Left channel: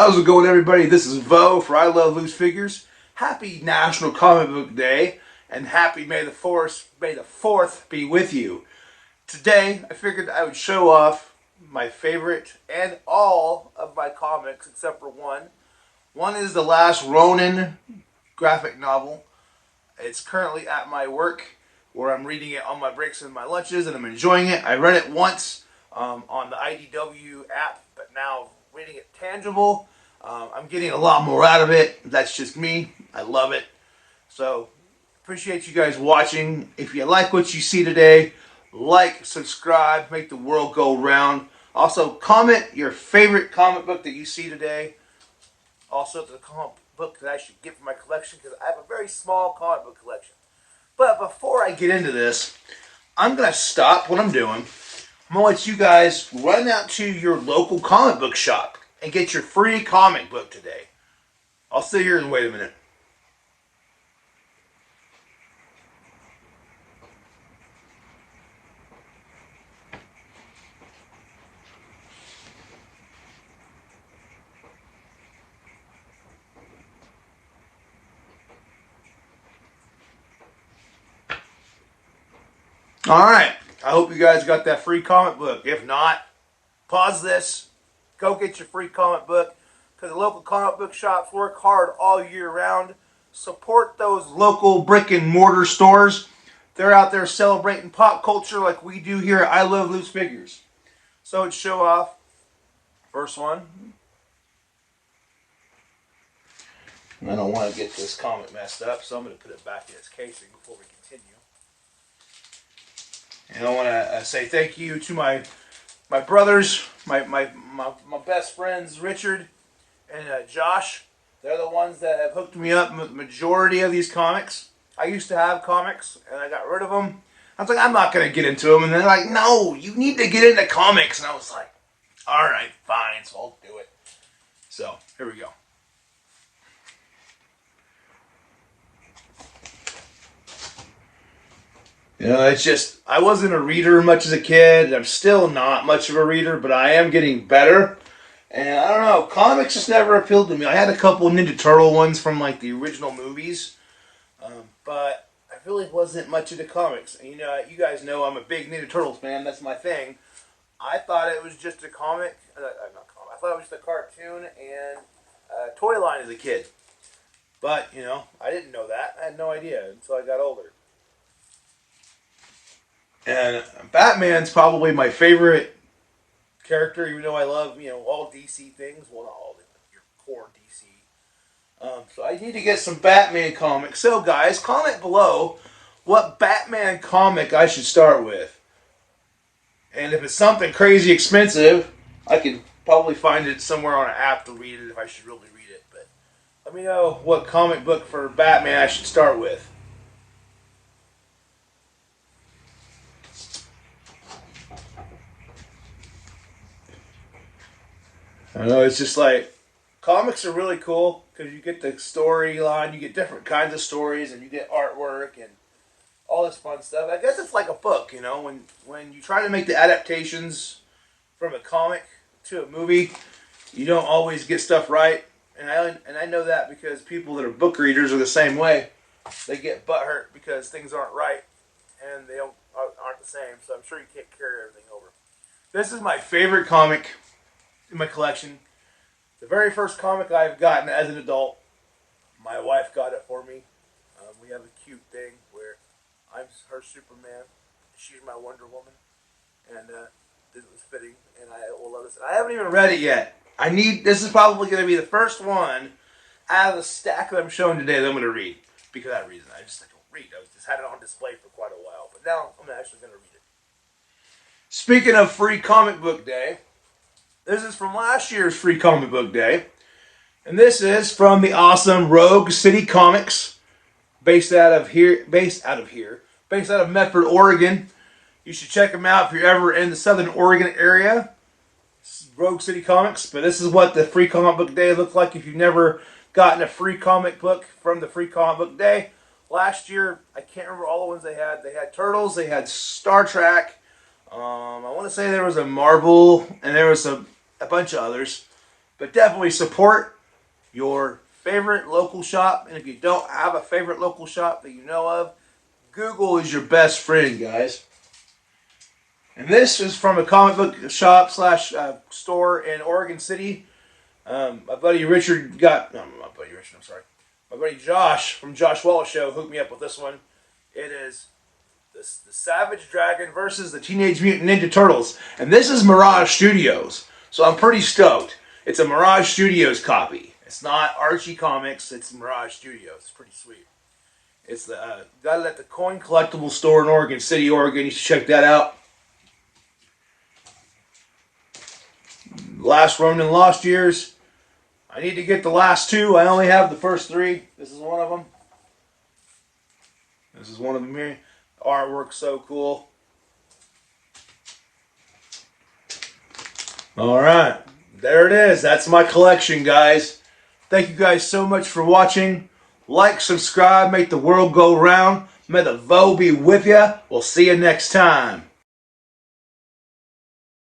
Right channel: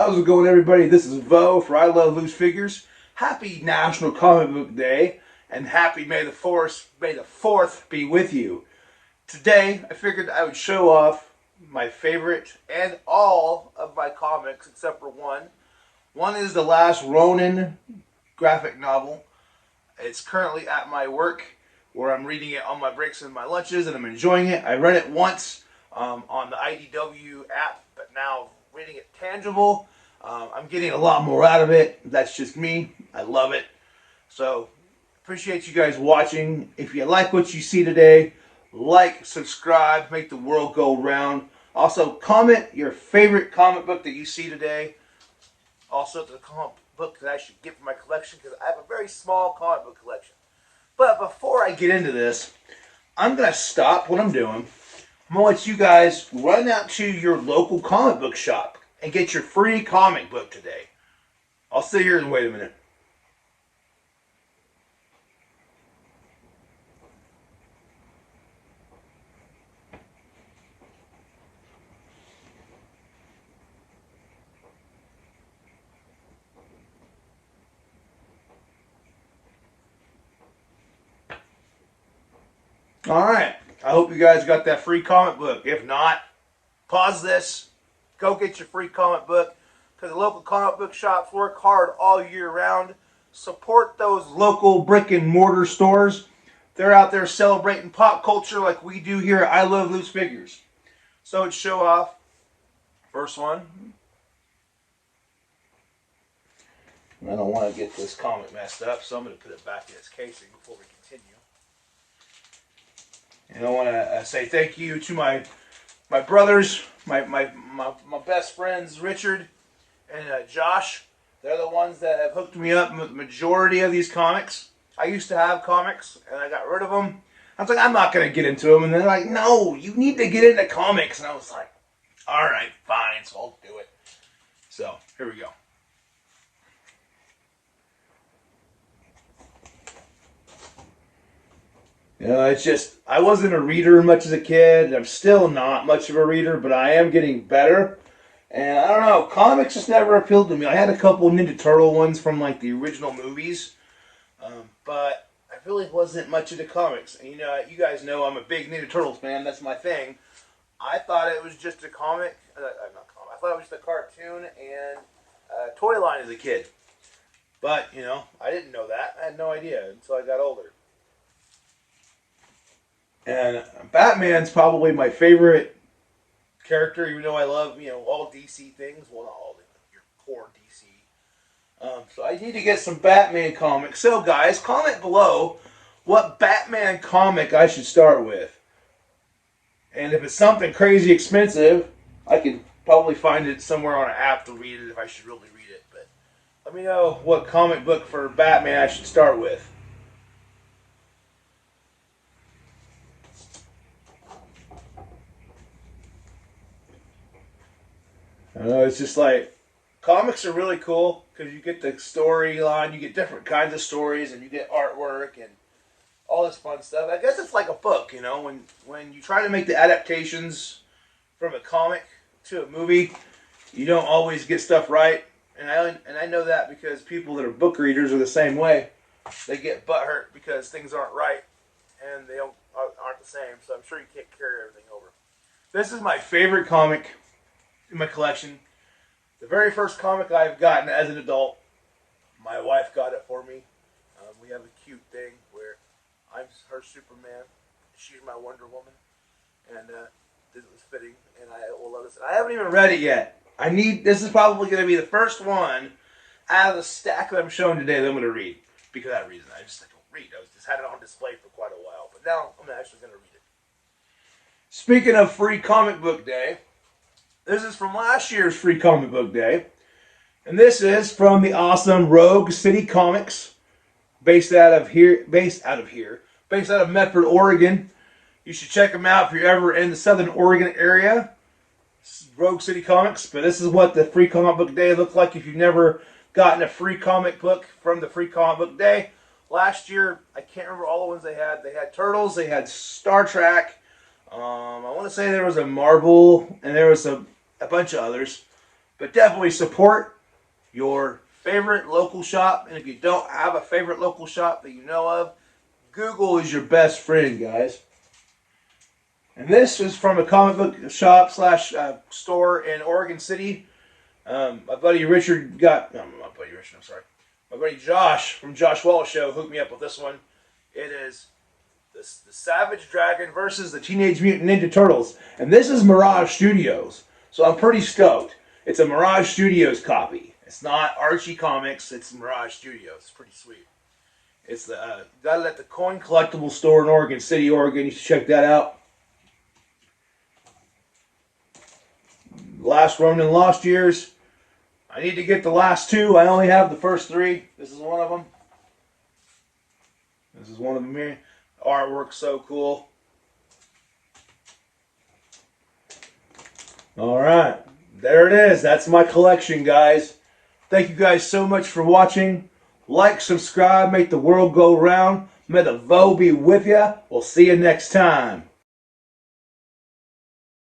How's it going, everybody? This is Vo for I Love Loose Figures. Happy National Comic Book Day, and happy May the 4th be with you. Today, I figured I would show off my favorite and all of my comics except for one. One is The Last Ronin graphic novel. It's currently at my work where I'm reading it on my breaks and my lunches, and I'm enjoying it. I read it once on the IDW app, but now reading it tangible, I'm getting a lot more out of it. That's just me. I love it. So, appreciate you guys watching. If you like what you see today, like, subscribe, make the world go round. Also, comment your favorite comic book that you see today. Also, the comic book that I should get for my collection, because I have a very small comic book collection. But before I get into this, I'm going to stop what I'm doing. I'm going to let you guys run out to your local comic book shop and get your free comic book today. I'll sit here and wait a minute. Alright, I hope you guys got that free comic book. If not, pause this, go get your free comic book, because the local comic book shops work hard all year round. Support those local brick and mortar stores. They're out there celebrating pop culture like we do here at I Love Loose Figures. So let's show off. First one. I don't want to get this comic messed up, so I'm going to put it back in its casing before we continue. And I want to say thank you to my brothers, my best friends, Richard and Josh. They're the ones that have hooked me up with the majority of these comics. I used to have comics, and I got rid of them. I was like, I'm not going to get into them. And they're like, no, you need to get into comics. And I was like, all right, fine, so I'll do it. So, here we go. You know, it's just, I wasn't a reader much as a kid. I'm still not much of a reader, but I am getting better. And I don't know, comics just never appealed to me. I had a couple Ninja Turtle ones from like the original movies, but I really wasn't much into comics. And you guys know I'm a big Ninja Turtles fan. That's my thing. I thought it was just a comic, not comic. I thought it was just a cartoon and a toy line as a kid. But, I didn't know that. I had no idea until I got older. And Batman's probably my favorite character, even though I love, all DC things. Well, not all of them, your core DC. So I need to get some Batman comics. So, guys, comment below what Batman comic I should start with. And if it's something crazy expensive, I could probably find it somewhere on an app to read it if I should really read it. But let me know what comic book for Batman I should start with. I know, it's just like, comics are really cool because you get the storyline, you get different kinds of stories, and you get artwork and all this fun stuff. I guess it's like a book, when you try to make the adaptations from a comic to a movie, you don't always get stuff right. And I know that because people that are book readers are the same way. They get butthurt because things aren't right and they aren't the same. So I'm sure you can't carry everything over. This is my favorite comic in my collection. The very first comic I've gotten as an adult. My wife got it for me. We have a cute thing where I'm her Superman, she's my Wonder Woman, and this was fitting, and I will love this. I haven't even read it yet. This is probably going to be the first one out of the stack that I'm showing today that I'm going to read. Because of that reason, I just don't read. I just had it on display for quite a while, but now I'm actually going to read it. Speaking of free comic book day, this is from last year's free comic book day. And this is from the awesome Rogue City Comics, based out of Medford, Oregon. You should check them out if you're ever in the Southern Oregon area. This is Rogue City Comics, but this is what the free comic book day looked like if you've never gotten a free comic book from the free comic book day. Last year, I can't remember all the ones they had. They had Turtles, they had Star Trek. I want to say there was a Marvel, and there was a bunch of others. But definitely support your favorite local shop. And if you don't have a favorite local shop that you know of, Google is your best friend, guys. And this is from a comic book shop slash store in Oregon City. My buddy Richard got, no, my buddy Richard, I'm sorry. My buddy Josh from Josh Wallace Show hooked me up with this one. It is the Savage Dragon versus the Teenage Mutant Ninja Turtles. And this is Mirage Studios. So I'm pretty stoked. It's a Mirage Studios copy. It's not Archie Comics, it's Mirage Studios. It's pretty sweet. It's the got it at the Coin Collectible store in Oregon City, Oregon. You should check that out. Last Ronin Lost Years. I need to get the last two. I only have the first three. This is one of them. This is one of them here. The artwork's so cool. Alright. There it is. That's my collection, guys. Thank you guys so much for watching. Like, subscribe, make the world go round. May the Vo be with you. We'll see you next time.